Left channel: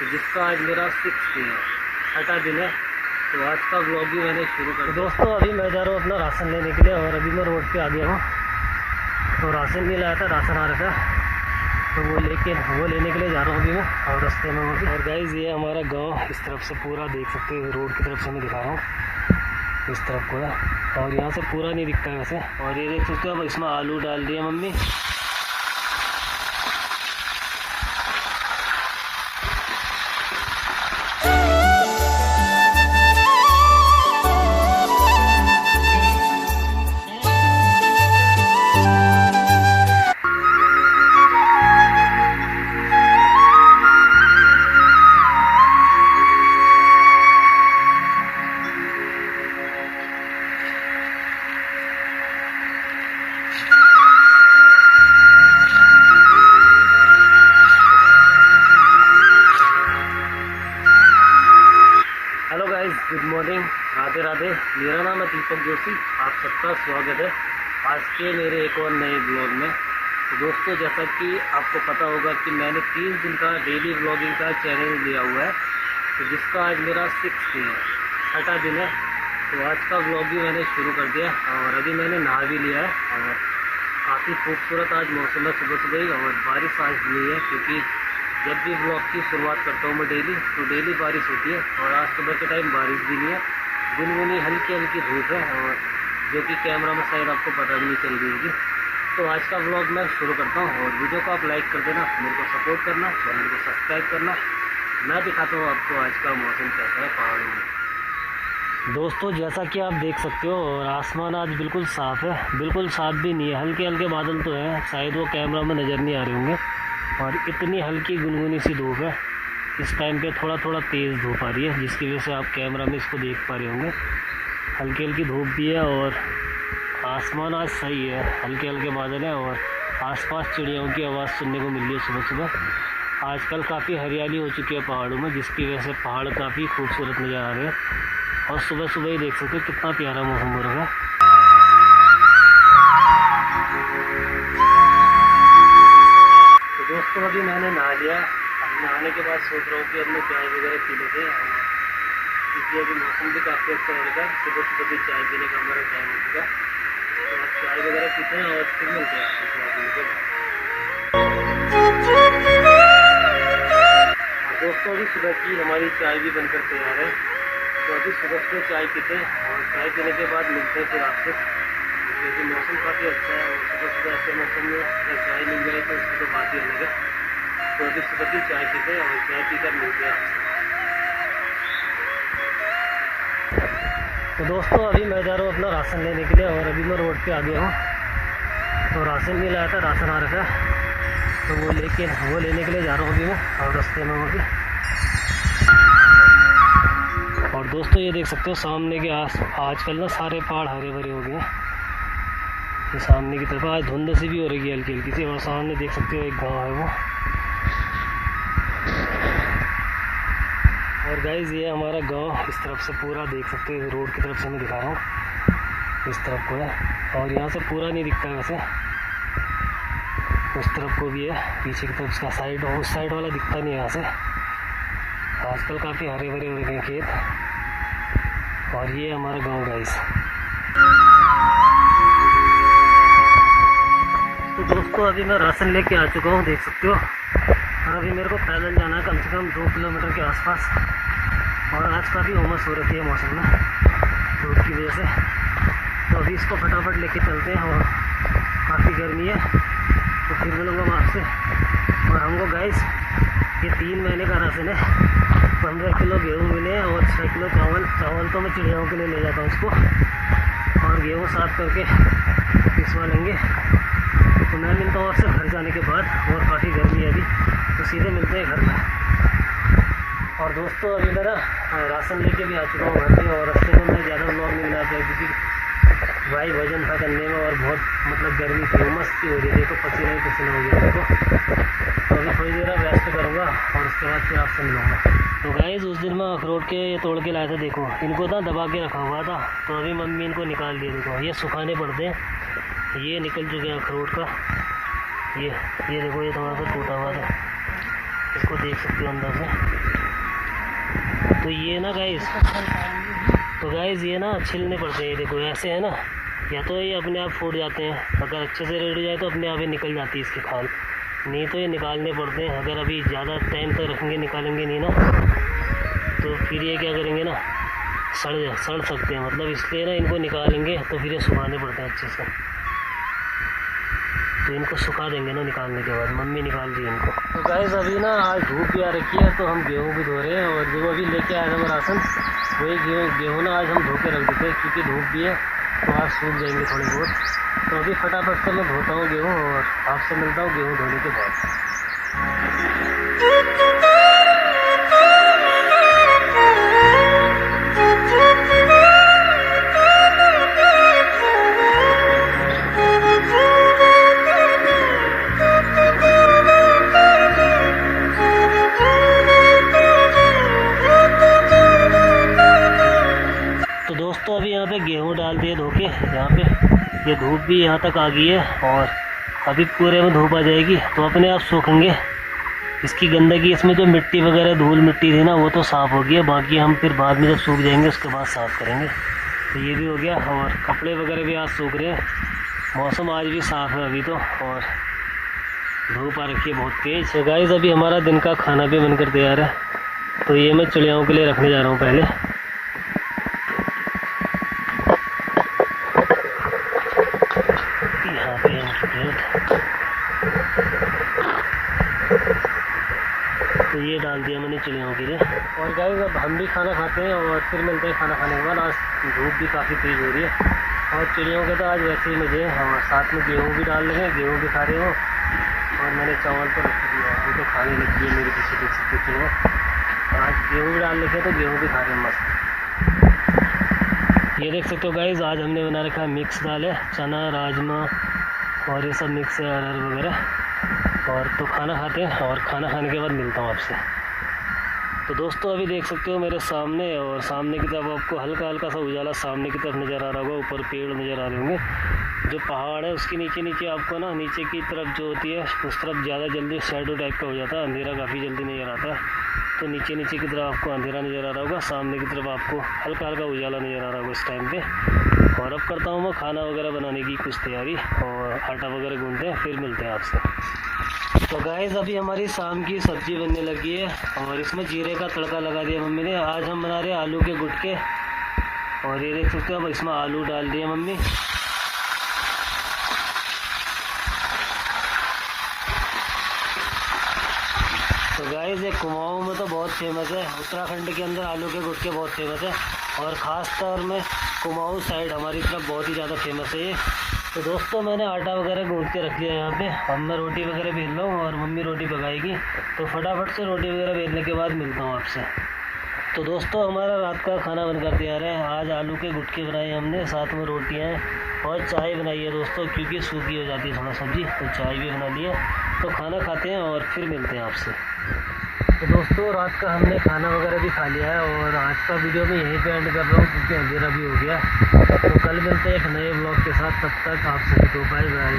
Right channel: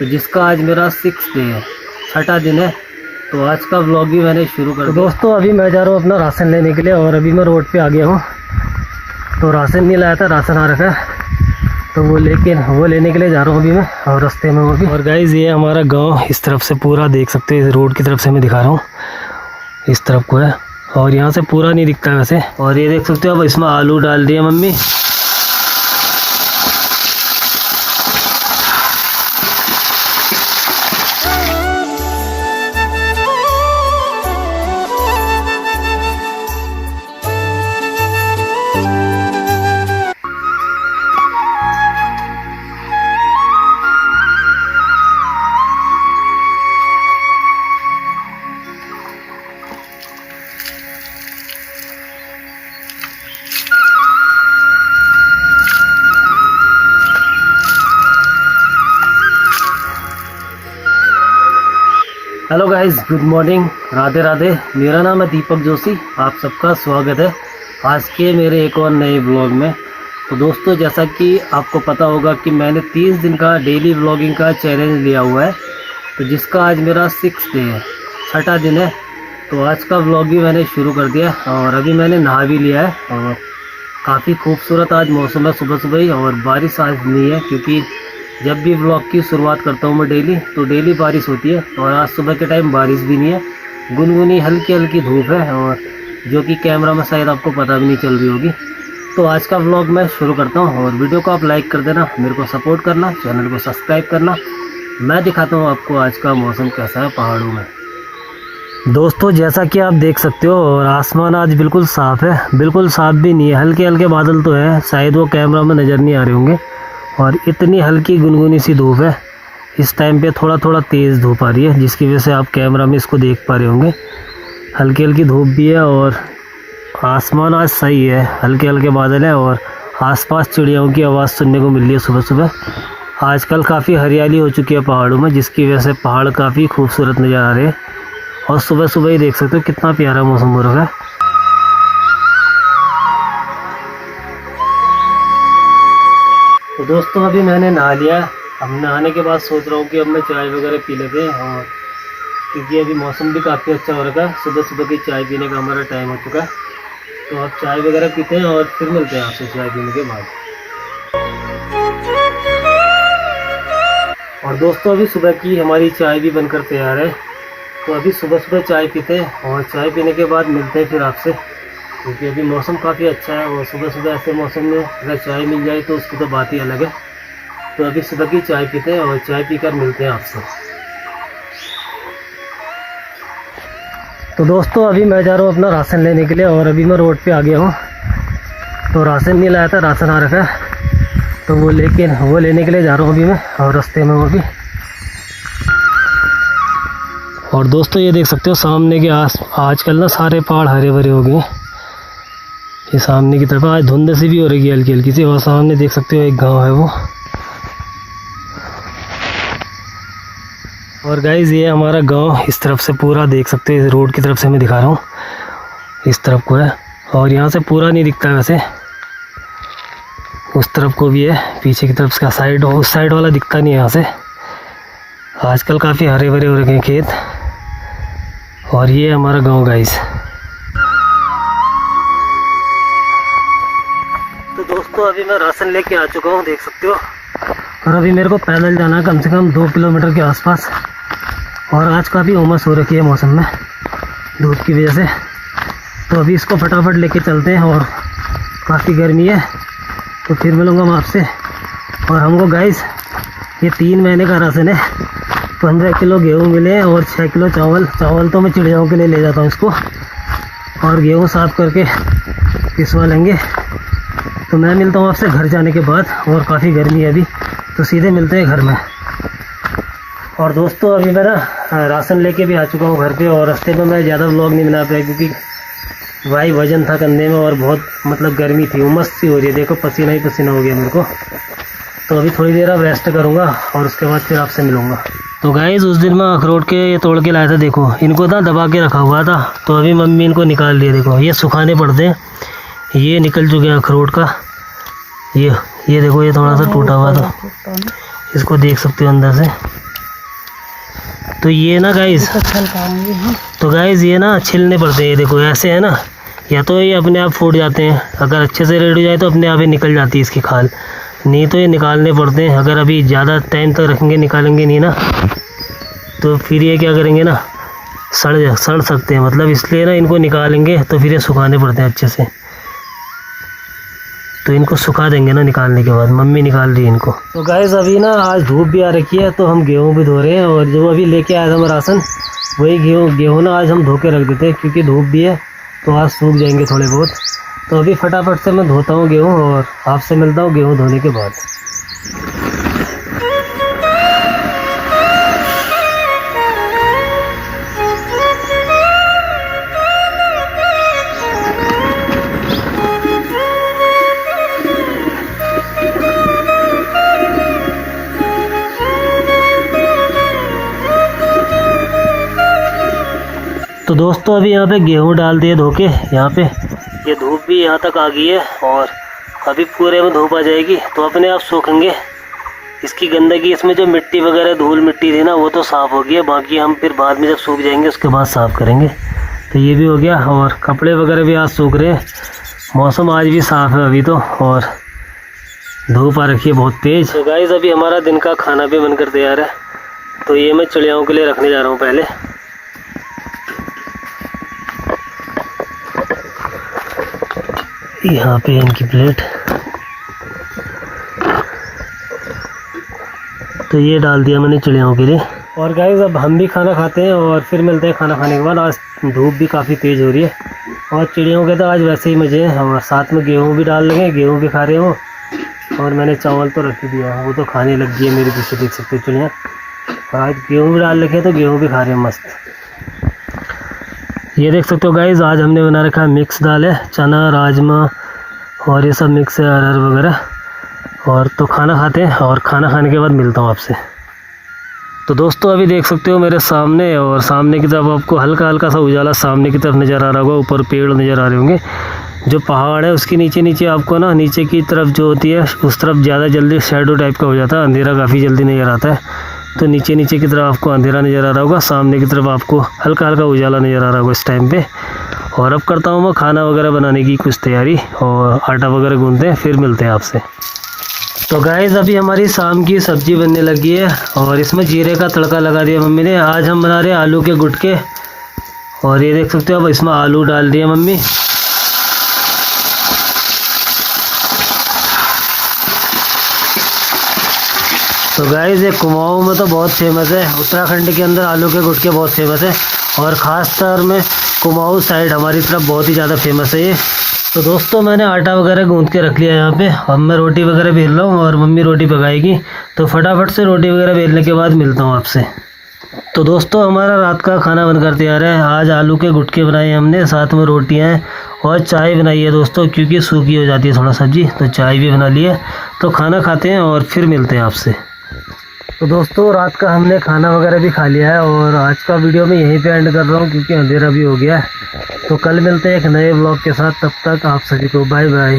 तो जिसका आज मेरा 6th डे है, 6ठा दिन है। तो आज का व्लॉग भी मैंने शुरू कर दिया। तो दोस्तों अभी मैं जा रहा हूँ अपना राशन लेने के लिए और अभी मैं रोड पे आ गया हूँ। तो राशन नहीं लाया था, राशन आ रखा है तो वो लेने के लिए जा रहा हूँ अभी मैं, और रास्ते में वो भी। और गाइज़ ये हमारा गांव इस तरफ से पूरा देख सकते हो, इस रोड की तरफ से मैं दिखा रहा हूँ, इस तरफ को है और यहाँ से पूरा नहीं दिखता वैसे। और ये देख सकते हो अब इसमें आलू डाल रही है mummy. Hello guys, good morning, Radhe Radhe. मेरा नाम है दीपक जोशी, आप सबका स्वागत है आज के मेरे एक और नए ब्लॉग में। तो दोस्तों जैसा कि आपको पता होगा कि मैंने 30 दिन का डेली व्लॉगिंग का चैलेंज लिया हुआ है, तो जिसका आज मेरा 6th डे है, 6ठा दिन है। तो आज का व्लॉग भी मैंने शुरू कर दिया और अभी मैंने नहा भी लिया है और काफ़ी खूबसूरत आज मौसम है सुबह सुबह ही। और बारिश आज नहीं है क्योंकि जब भी व्लॉग की शुरुआत करता हूँ मैं डेली, तो डेली बारिश होती है और आज सुबह के टाइम बारिश भी नहीं है, गुनगुनी हल्की हल्की धूप है और जो कि कैमरा में शायद आपको पता भी नहीं चल रही होगी। तो आज का व्लॉग मैं शुरू करता हूँ और वीडियो को आप लाइक कर देना, मेरे को सपोर्ट करना, चैनल को सब्सक्राइब करना। मैं दिखाता हूँ आपको आज का मौसम कैसा है पहाड़ों में। दोस्तों जैसा कि आप देख सकते हो और आसमान आज बिल्कुल साफ़ है, बिल्कुल साफ़ भी नहीं है, हल्के हल्के बादल तो है, शायद वो कैमरा में नज़र नहीं आ रहे होंगे। और इतनी हल्की गुनगुनी सी धूप है, इस टाइम पे थोड़ा थोड़ा तेज़ धूप आ रही है जिसकी वजह से आप कैमरा में इसको देख पा रहे होंगे। हल्की हल्की धूप भी है और आसमान आज सही है, हल्के हल्के बादल है और आसपास चिड़ियों की आवाज़ सुनने को मिल रही है सुबह सुबह। आजकल काफ़ी हरियाली हो चुकी है पहाड़ों में, जिसकी वजह से पहाड़ काफ़ी खूबसूरत नज़र आ रहे हैं और सुबह सुबह ही देख सकते हो कितना प्यारा मौसम हो रहा है। तो दोस्तों अभी मैंने नहा लिया, अब नहाने के बाद सोच रहा हूँ कि अब मैं चाय वगैरह पी लेते हैं, और क्योंकि अभी मौसम भी काफ़ी अच्छा हो रखा है, सुबह सुबह की चाय पीने का हमारा टाइम हो चुका है। तो अब चाय वगैरह पीते हैं और फिर मिलते हैं आपसे चाय पीने के बाद। और दोस्तों अभी सुबह की हमारी चाय भी बनकर तैयार है, तो अभी सुबह सुबह चाय पीते हैं और चाय पीने के बाद मिलते हैं फिर आपसे, क्योंकि अभी मौसम काफ़ी अच्छा है और सुबह सुबह ऐसे मौसम में अगर चाय मिल जाए तो उसकी तो बात ही अलग है। तो अभी सुबह की चाय पीते हैं और चाय पीकर मिलते हैं आपसे। तो दोस्तों अभी मैं जा रहा हूँ अपना राशन लेने के लिए और अभी मैं रोड पे आ गया हूँ। तो राशन नहीं लाया था, राशन आ रखा है तो वो लेने के लिए जा रहा हूँ अभी मैं, और रास्ते में वो भी। और दोस्तों ये देख सकते हो सामने के आजकल ना सारे पहाड़ हरे भरे हो गए हैं। ये सामने की तरफ आज धुंध सी भी हो रही है हल्की हल्की सी, और सामने देख सकते हो एक गांव है वो। और गाइज़ ये हमारा गांव इस तरफ से पूरा देख सकते हो, इस रोड की तरफ से मैं दिखा रहा हूँ, इस तरफ को है और यहाँ से पूरा नहीं दिखता वैसे, उस तरफ को भी है, पीछे की तरफ का साइड, उस साइड वाला दिखता नहीं है यहाँ से। आजकल काफ़ी हरे भरे हो रखे हैं खेत। और ये हमारा गाँव गाइज़। तो दोस्तों अभी मैं राशन लेके आ चुका हूँ, देख सकते हो। और अभी मेरे को पैदल जाना है कम से कम 2 किलोमीटर के आसपास, और आज काफ़ी उमस हो रखी है मौसम में धूप की वजह से। तो अभी इसको फटाफट लेके चलते हैं और काफ़ी गर्मी है, तो फिर मिलूँगा मैं आपसे। और हमको गाइस ये 3 महीने का राशन है, 15 किलो गेहूँ मिले हैं और 6 किलो चावल तो मैं चिड़ियाओं के लिए ले जाता हूँ इसको, और गेहूँ साफ़ करके पिसवा लेंगे। तो मैं मिलता हूँ आपसे घर जाने के बाद, और काफ़ी गर्मी है अभी, तो सीधे मिलते हैं घर में। और दोस्तों अभी मैं ना राशन लेके भी आ चुका हूँ घर पे, और रास्ते में मैं ज़्यादा व्लॉग नहीं बना पाया क्योंकि भाई वजन था कंधे में और बहुत मतलब गर्मी थी, उमस सी हो रही है, देखो पसीना ही पसीना हो गया मेरे को। तो अभी थोड़ी देर अब रेस्ट करूँगा और उसके बाद फिर आपसे मिलूँगा। तो गाइस उस दिन मैं अखरोट के ये तोड़ के लाया था, देखो इनको ना दबा के रखा हुआ था, तो अभी मम्मी इनको निकाल दिए। देखो ये सुखाने पड़ते हैं, ये निकल चुके हैं अखरोट का, ये देखो ये थोड़ा सा टूटा हुआ था, इसको देख सकते हो अंदर से। तो ये ना गाइस, तो गाइस ये ना छिलने पड़ते हैं। ये देखो ऐसे है ना, या तो ये अपने आप फूट जाते हैं, अगर अच्छे से रेड हो जाए तो अपने आप ही निकल जाती है इसकी खाल, नहीं तो ये निकालने पड़ते हैं। अगर अभी ज़्यादा टाइम तक रखेंगे, निकालेंगे नहीं ना, तो फिर ये क्या करेंगे ना, सड़ सकते हैं। मतलब इसलिए ना इनको निकालेंगे तो फिर ये सुखाने पड़ते हैं अच्छे से। तो इनको सुखा देंगे ना निकालने के बाद। मम्मी निकाल रही है इनको। तो गाइस अभी ना आज धूप भी आ रखी है, तो हम गेहूँ भी धो रहे हैं। और जो अभी लेके आया था मैं राशन, वही गेहूँ ना आज हम धो के रख देते हैं, क्योंकि धूप भी है तो आज सूख जाएंगे थोड़े बहुत। तो अभी फटाफट से मैं धोता हूँ गेहूँ और आपसे मिलता हूँ गेहूँ धोने के बाद। तो दोस्तों अभी यहाँ पे गेहूँ डाल दिए धो के। यहाँ पे ये धूप भी यहाँ तक आ गई है और अभी पूरे में धूप आ जाएगी तो अपने आप सूखेंगे। इसकी गंदगी, इसमें जो मिट्टी वगैरह धूल मिट्टी थी ना, वो तो साफ़ हो गई है। बाकी हम फिर बाद में जब सूख जाएंगे उसके बाद साफ़ करेंगे। तो ये भी हो गया और कपड़े वगैरह भी आज सूख रहे हैं। मौसम आज भी साफ़ है अभी तो, और धूप आ रखी है बहुत तेज़। तो गाइस अभी हमारा दिन का खाना भी बनकर तैयार है। तो ये मैं चिड़ियाओं के लिए रखने जा रहा हूँ पहले। यहाँ पे इनकी प्लेट, तो ये डाल दिया मैंने चिड़ियों के लिए। और गाइस अब हम भी खाना खाते हैं और फिर मिलते हैं खाना खाने के बाद। आज धूप भी काफ़ी तेज़ हो रही है और चिड़ियों के तो आज वैसे ही मज़े हैं। और साथ में गेहूँ भी डाल लगे, गेहूँ भी खा रहे हो। और मैंने चावल तो रख ही दिया है, वो तो खाने लग गई है मेरे पीछे, देख सकते हो चिड़ियाँ। और आज गेहूँ भी डाल रखे तो गेहूँ भी खा रहे हैं मस्त। ये देख सकते हो गाइस, आज हमने बना रखा है मिक्स दाल है, चना राजमा और ये सब मिक्स है, अरहर वगैरह। और तो खाना खाते हैं और खाना खाने के बाद मिलता हूँ आपसे। तो दोस्तों अभी देख सकते हो मेरे सामने, और सामने की तरफ आपको हल्का हल्का सा उजाला सामने की तरफ नज़र आ रहा होगा। ऊपर पेड़ नज़र आ रहे होंगे, जो पहाड़ है उसके नीचे नीचे आपको ना, नीचे की तरफ जो होती है उस तरफ ज़्यादा जल्दी शैडो टाइप का हो जाता है, अंधेरा काफ़ी जल्दी नज़र आता है। तो नीचे नीचे की तरफ आपको अंधेरा नज़र आ रहा होगा, सामने की तरफ आपको हल्का हल्का उजाला नज़र आ रहा होगा इस टाइम पे। और अब करता हूँ मैं खाना वगैरह बनाने की कुछ तैयारी, और आटा वगैरह गूंथते हैं, फिर मिलते हैं आपसे। तो गाइस अभी हमारी शाम की सब्ज़ी बनने लगी है और इसमें जीरे का तड़का लगा दिया मम्मी ने। आज हम बना रहे हैं आलू के गुटके, और ये देख सकते हो अब इसमें आलू डाल दिए मम्मी। तो गाइस ये कुमाऊँ में तो बहुत फेमस है, उत्तराखंड के अंदर आलू के गुटके बहुत फेमस है, और ख़ास तौर में कुमाऊँ साइड हमारी तरफ बहुत ही ज़्यादा फेमस है ये। तो दोस्तों मैंने आटा वगैरह गूंथ के रख लिया यहाँ पे। अब मैं रोटी वगैरह बेल रहा हूँ और मम्मी रोटी पकाएगी। तो फटाफट से रोटी वगैरह बेलने के बाद मिलता हूँ आपसे। तो दोस्तों हमारा रात का खाना बनकर तैयार है। आज आलू के गुटके बनाए हमने, साथ में रोटियाँ हैं और चाय बनाई है दोस्तों, क्योंकि सूखी हो जाती है थोड़ा सब्जी, तो चाय भी बना ली है। तो खाना खाते हैं और फिर मिलते हैं आपसे। तो दोस्तों रात का हमने खाना वगैरह भी खा लिया है और आज का वीडियो मैं यहीं पे एंड कर रहा हूँ, क्योंकि अंधेरा भी हो गया है। तो कल मिलते हैं एक नए ब्लॉग के साथ, तब तक आप सभी को बाय बाय।